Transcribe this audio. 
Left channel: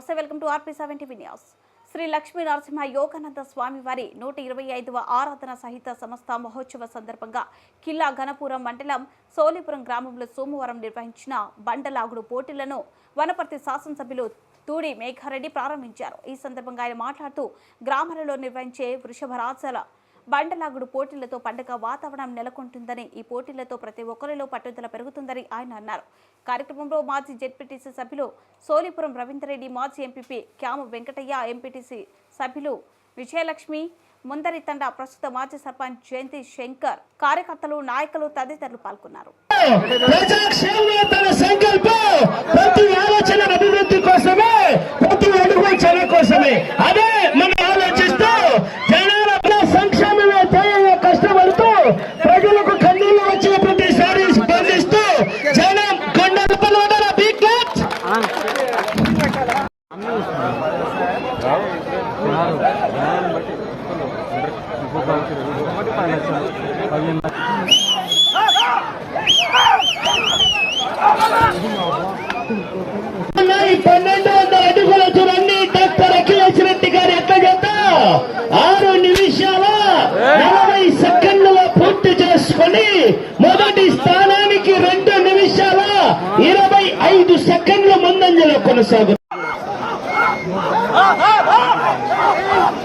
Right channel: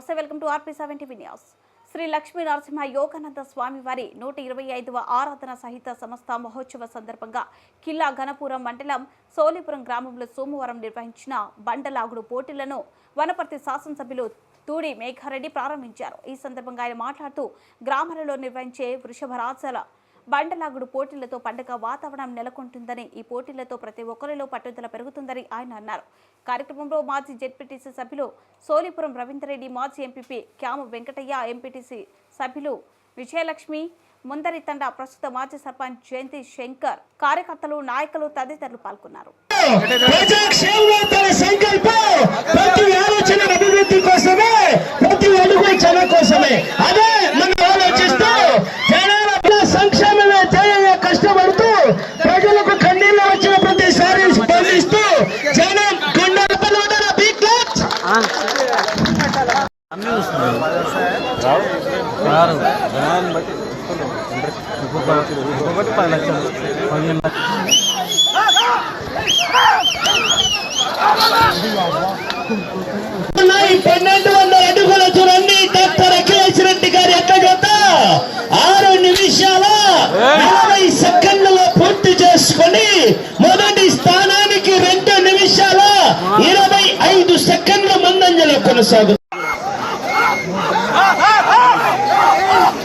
నమస్తే welcome to RP seventy news. Sri Lakshmi Narasimha Yogananda స్వామివారి నూట ఇరవై ఐదవ ఆరాధన సహిత సంస్థ మహోత్సవ సందర్భంగా కిల్లా ఘనపురం మండలం సోలిపురం గ్రామంలో సోమవారం నిర్వహించిన బండలాగుడు పోటీలను వనపర్తి శాసనసభ్యులు తూడి మేఘారెడ్డి ప్రారంభించారు. ఈ సందర్భంగా ఆయన మాట్లాడుతూ గ్రామాలలో నిర్వహించే వృషభరాజల బండలాగుడు పోటీలతో పండుగ వాతావరణం నెలకొంటుందని ఈ పోటీలతో ప్రతి ఒక్కరిలో పట్టుదల పెరుగుతుందని ఆయన అన్నారు. కార్యక్రమంలో మాజీ జెడ్పీటీసీ సభ్యులు సోలిపురం రవీంద్రరెడ్డి మాజీ ఎంపీపీ క్యాము వెంకటయ్య ఎంపీటీసీ సభ్యులు విజయలక్ష్మి ముందరి తండ ప్రస్తుత మాజీ సర్పంచ్ జయంతి శంకర్ కార్యకర్తలు నాయకులు తదితరులు పాల్గొన్నారు. పన్నెండు వందల అడుగుల చూడండి డాక్టర్ అఖిలేష్ రెడ్డి గారు ఎట్లా ఆరు నిమిషాల నలభై సెకండ్లలో పూర్తి చేసుకొని మొదటి స్థానానికి రెండు నిమిషాల ఇరవై ఐదు సెకండ్ల ముందంజలో కొనసాగుతుంది ¡Oh,